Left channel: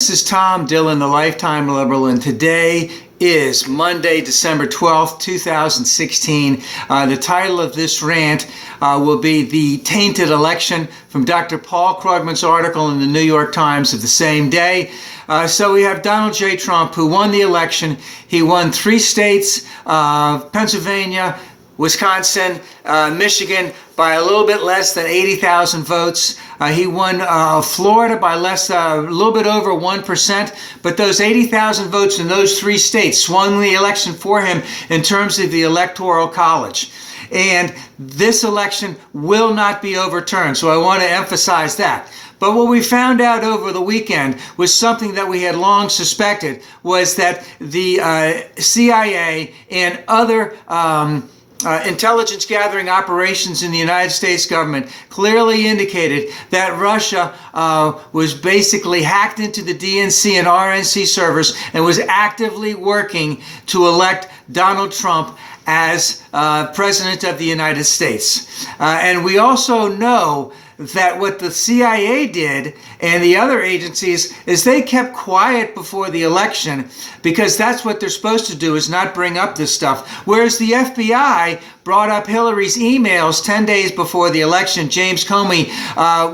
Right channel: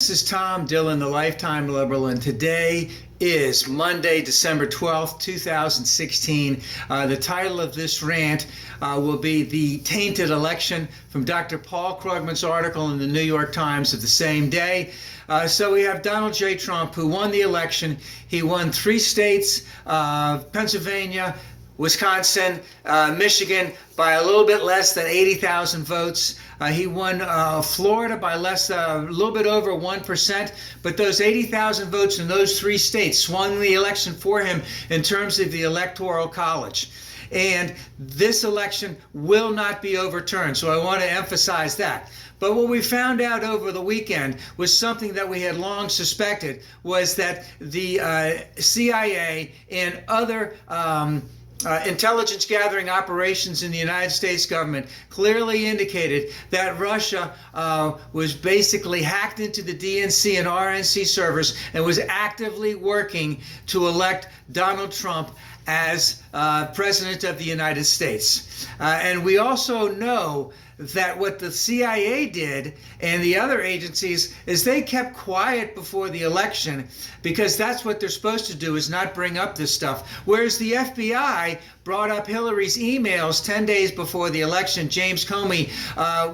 This is Tom Dillon, the Lifetime Liberal, and today is Monday, December 12th, 2016. The title of this rant will be The Tainted Election, from Dr. Paul Krugman's article in the New York Times of the same day. So we have Donald J. Trump, who won the election. He won 3 states, Pennsylvania, Wisconsin, Michigan, by a little bit less than 80,000 votes. He won Florida by a little bit over 1%, but those 80,000 votes in those 3 states swung the election for him in terms of the Electoral College. And this election will not be overturned, so I want to emphasize that. But what we found out over the weekend was something that we had long suspected, was that the CIA and other intelligence gathering operations in the United States government clearly indicated that Russia was basically hacked into the DNC and RNC servers and was actively working to elect Donald Trump as President of the United States. And we also know that what the CIA did and the other agencies is they kept quiet before the election, because that's what they're supposed to do, is not bring up this stuff. Whereas the FBI brought up Hillary's emails 10 days before the election. James Comey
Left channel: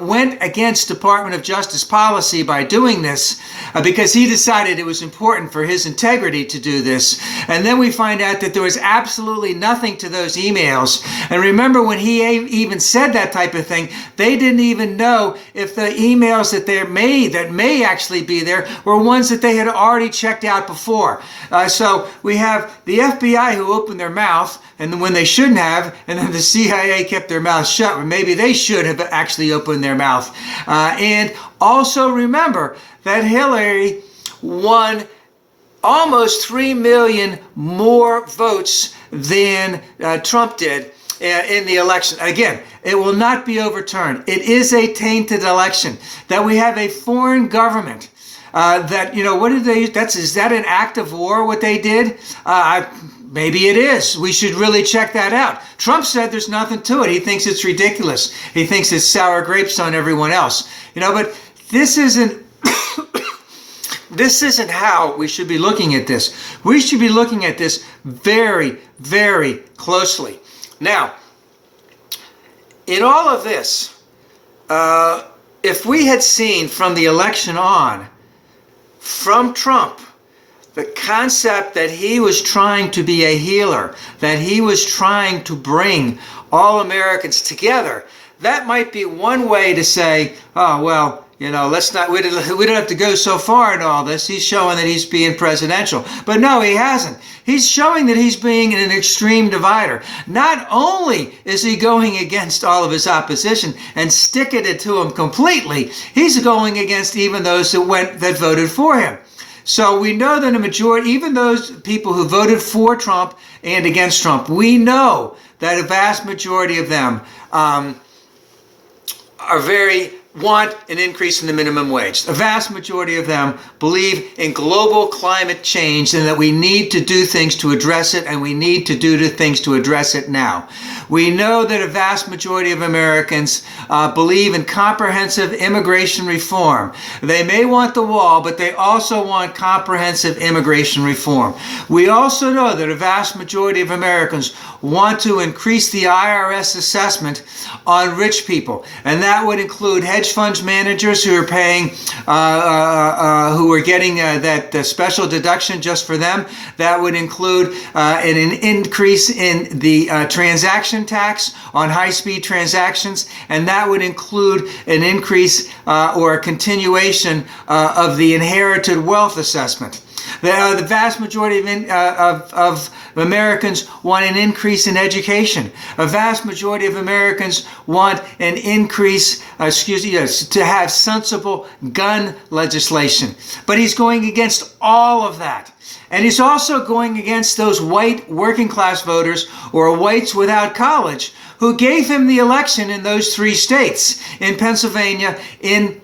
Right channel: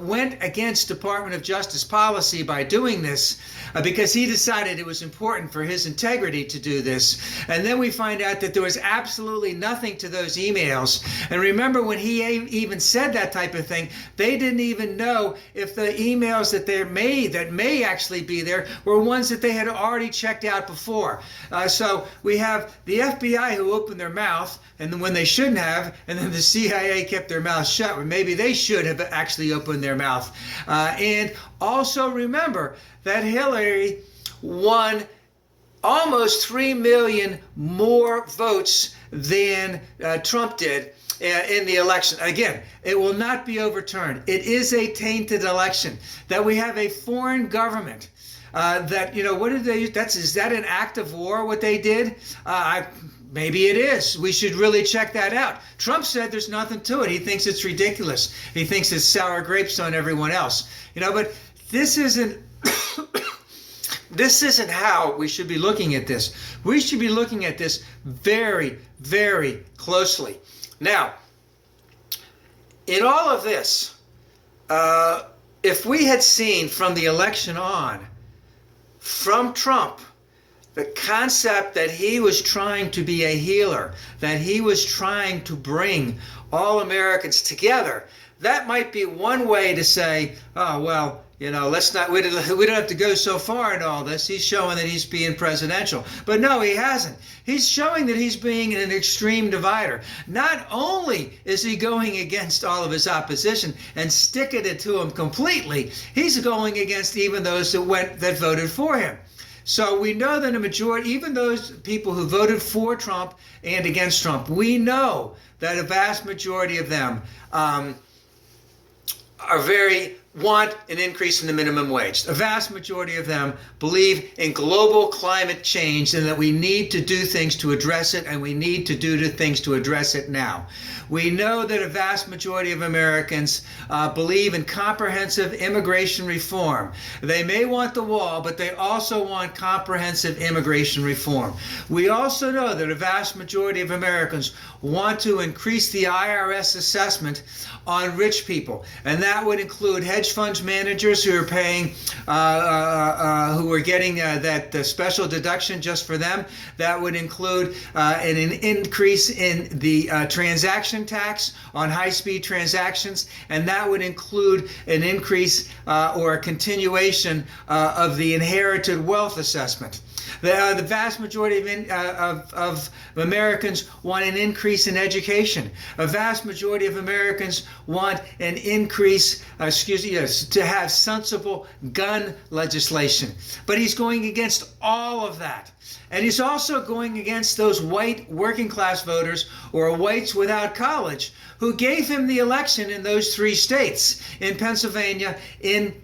went against Department of Justice policy by doing this because he decided it was important for his integrity to do this. And then we find out that there was absolutely nothing to those emails. And remember, when he even said that type of thing, they didn't even know if the emails that may actually be there were ones that they had already checked out before. So we have the FBI who opened their mouth, and then when they shouldn't have, and then the CIA kept their mouth shut, or maybe they should have actually opened their mouth. And also remember that Hillary won almost 3 million more votes than Trump did in the election. Again, it will not be overturned. It is a tainted election. That we have a foreign government that, what did they, is that an act of war, what they did? Maybe it is. We should really check that out. Trump said there's nothing to it. He thinks it's ridiculous. He thinks it's sour grapes on everyone else. But this isn't this isn't how we should be looking at this. We should be looking at this very, very closely. Now, in all of this, if we had seen from the election on, from Trump, the concept that he was trying to be a healer, that he was trying to bring all Americans together, that might be one way to say, oh, well, we don't have to go so far in all this. He's showing that he's being presidential. But no, he hasn't. He's showing that he's being an extreme divider. Not only is he going against all of his opposition and sticking it to him completely, he's going against even those that voted for him. So we know that a majority, even those people who voted for Trump and against Trump, we know that a vast majority of them want an increase in the minimum wage. The vast majority of them believe in global climate change and that we need to do things to address it, and we need to do things to address it now. We know that a vast majority of Americans believe in comprehensive immigration reform. They may want the wall, but they also want comprehensive immigration reform. We also know that a vast majority of Americans want to increase the IRS assessment on rich people, and that would include hedge funds managers who are paying, who are getting that special deduction just for them. That would include an increase in the transaction tax on high-speed transactions, and that would include an increase or a continuation of the inherited wealth assessment. The vast majority of Americans want an increase in education. A vast majority of Americans want an increase, to have sensible gun legislation. But he's going against all of that. And he's also going against those white working class voters, or whites without college, who gave him the election in those 3 states, in Pennsylvania, in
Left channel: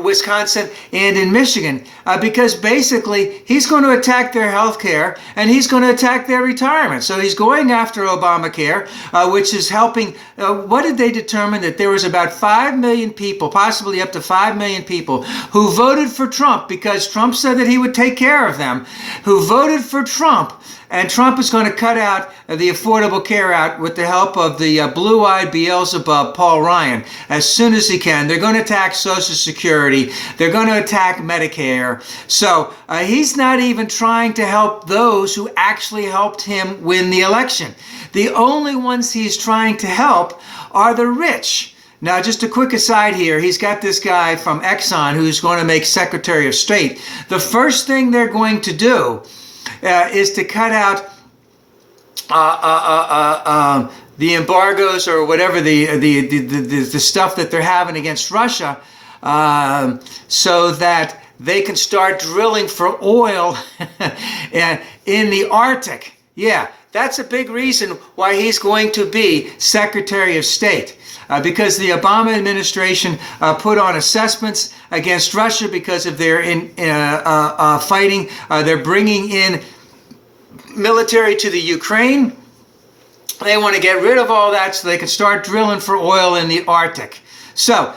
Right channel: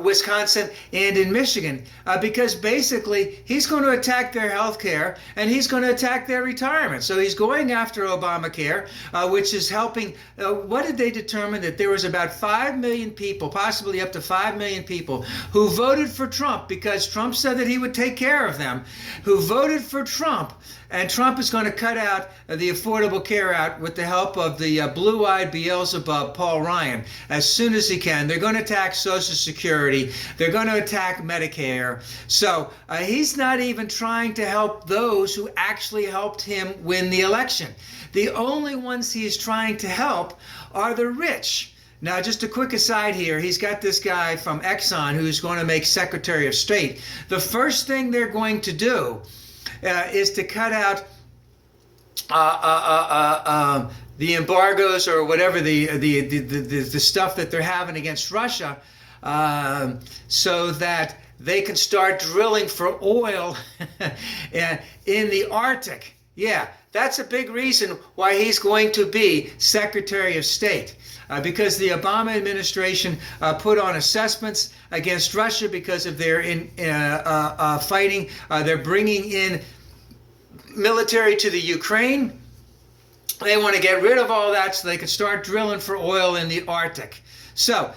Wisconsin and in Michigan, because basically he's going to attack their health care and he's going to attack their retirement. So he's going after Obamacare, which is helping. What did they determine? That there was about 5 million people, possibly up to 5 million people, who voted for Trump because Trump said that he would take care of them, who voted for Trump. And Trump is going to cut out the Affordable Care Act with the help of the blue-eyed Beelzebub, Paul Ryan, as soon as he can. They're going to attack Social Security. They're going to attack Medicare. So he's not even trying to help those who actually helped him win the election. The only ones he's trying to help are the rich. Now, just a quick aside here, he's got this guy from Exxon who's going to make Secretary of State. The first thing they're going to do is to cut out the embargoes or whatever the stuff that they're having against Russia, so that they can start drilling for oil in the Arctic. Yeah, that's a big reason why he's going to be Secretary of State. Because the Obama administration put on assessments against Russia because of their fighting. They're bringing in military to the Ukraine. They want to get rid of all that so they can start drilling for oil in the Arctic. So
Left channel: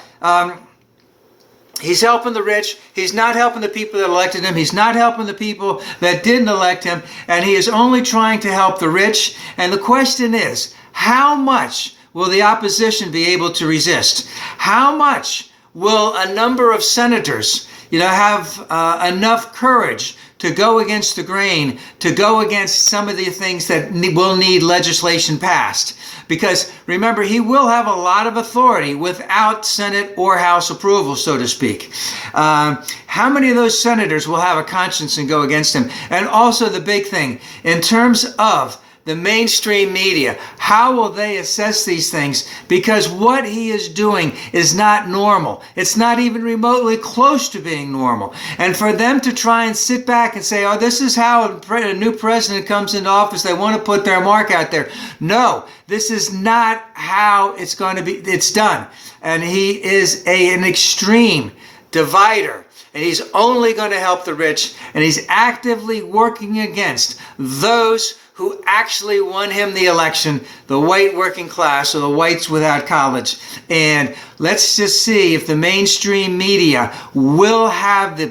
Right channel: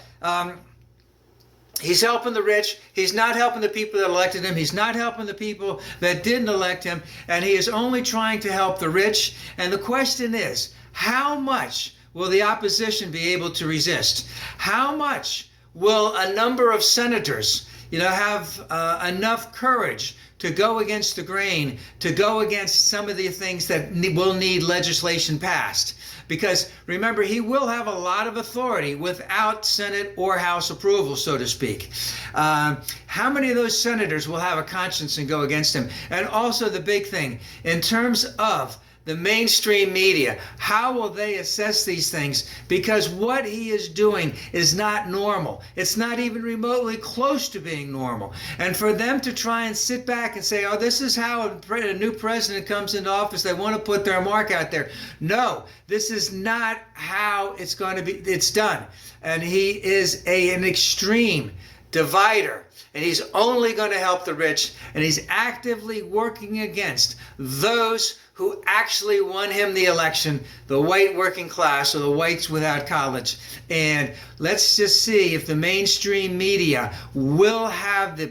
he's helping the rich. He's not helping the people that elected him. He's not helping the people that didn't elect him. And he is only trying to help the rich. And the question is, how much will the opposition be able to resist? How much will a number of senators, have enough courage to go against the grain, to go against some of the things that will need legislation passed? Because remember, he will have a lot of authority without Senate or House approval, so to speak. How many of those senators will have a conscience and go against him? And also the big thing, in terms of the mainstream media, how will they assess these things? Because what he is doing is not normal. It's not even remotely close to being normal. And for them to try and sit back and say, oh, this is how a new president comes into office, they want to put their mark out there. No, this is not how it's going to be. It's done. And he is an extreme divider. And he's only going to help the rich. And he's actively working against those who actually won him the election, the white working class or the whites without college. And let's just see if the mainstream media will have the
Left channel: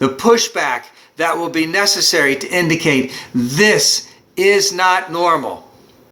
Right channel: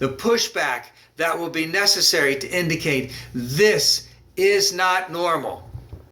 pushback that will be necessary to indicate this is not normal.